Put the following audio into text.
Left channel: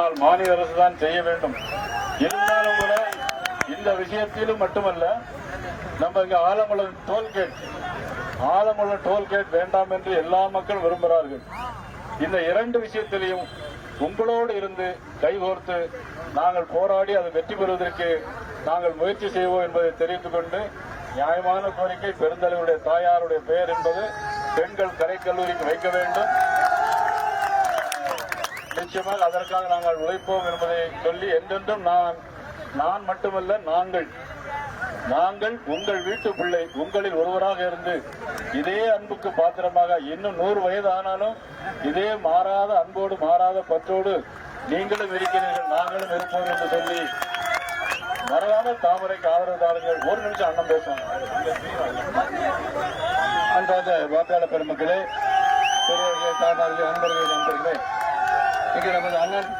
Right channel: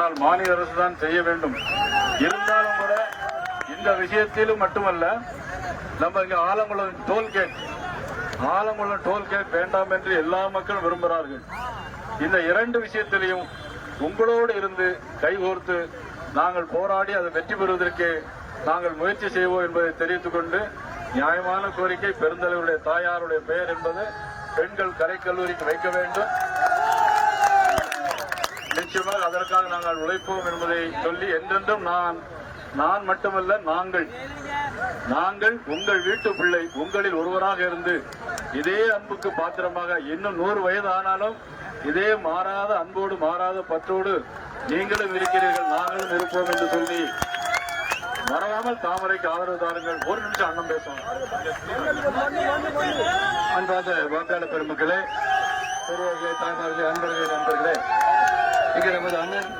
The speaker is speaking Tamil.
மாநில அரசு தான் செய்ய வேண்டும். இருந்தாலும் கூட இந்த விஷயத்திலும் மட்டுமல்ல, நம்ம இங்க ஆலங்குளம் டோல்கேட் வேண்டாம் என்று எல்லா மக்களும் விரும்புகிறார்கள். இந்த இரண்டு விஷயத்திலையும் உங்களோடு இருந்து கைகோர்த்து நாங்கள் போராடி அதை வெற்றி பெறுவதற்கு நாங்கள் முயற்சி செய்வோம் என்பதை தெரிவித்துக் கொண்டு, நியாயமான கோரிக்கை பெருந்தலைவருடைய தாயாருடைய பெயர் என்பது பெண்கள் கலைக்கல்லூரிக்கு வைக்க வேண்டும். நிச்சயமாக அதற்காக நாங்கள் உழைப்போம் என்பதை சொல்லி, என்றென்றும் நான் மட்டுமல்ல, நாங்கள் உங்கள் வீட்டு பிள்ளை, உங்களில் ஒருவராக இருந்து இதே அன்புக்கு பாத்திரமாக இன்னும் 100 வயது ஆனாலும் இதே மாறாத அன்போடு மாறாத பற்றோடு நீங்களும் இருக்கிறீர்கள், நாங்களும் இருப்போம் என்று சொல்லி, மறவாமல் தாமரைக்கு ஆதரவு தாருங்கள். ஒரு நிமிஷம் அண்ணன் பேசுவோம். அன்பார்ந்த வாக்காளர் பெருமக்களே, பெரியவர்களே, தாய்மார்களே, நண்பர்களே, இங்கே நமது அண்ணன்